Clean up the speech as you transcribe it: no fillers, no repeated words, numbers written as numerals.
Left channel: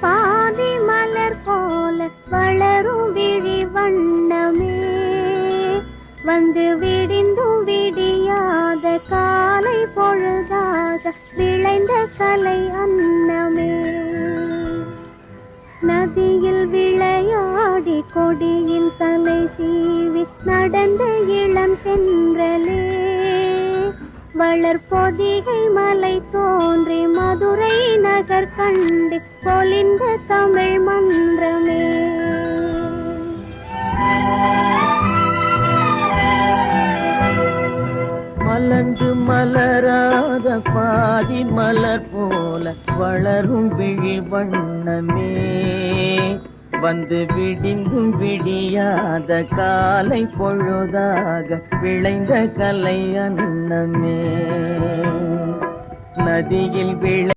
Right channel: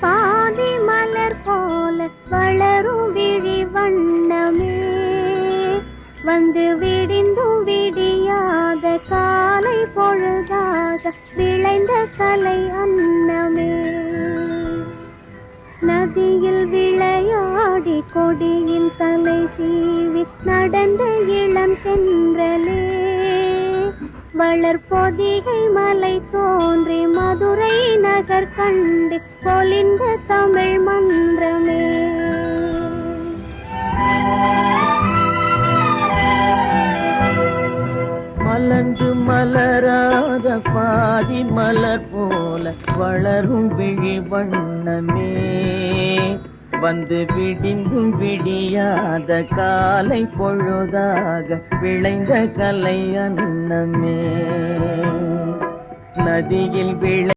பாதி மலர் போல வளரும் விழி வண்ணமே வந்து விடிந்தும் விடியாத காலை பொழுதாக விளைந்த கலை அன்னமே நதியில் விளையாடி கொடியின் தலை சீவி நடந்த இளம் சென்றலே வளர்பொதிகை மலை தோன்றி மதுரை நகர் கண்டு பொலிந்த தமிழ் மன்றமே மலர்ந்து மலராத பாதி மலர் போல வளரும் விழி வண்ணமே வந்து விடிந்தும் விடியாத காலை பொழுதாக விளைந்த கலை அன்னமே நதியில்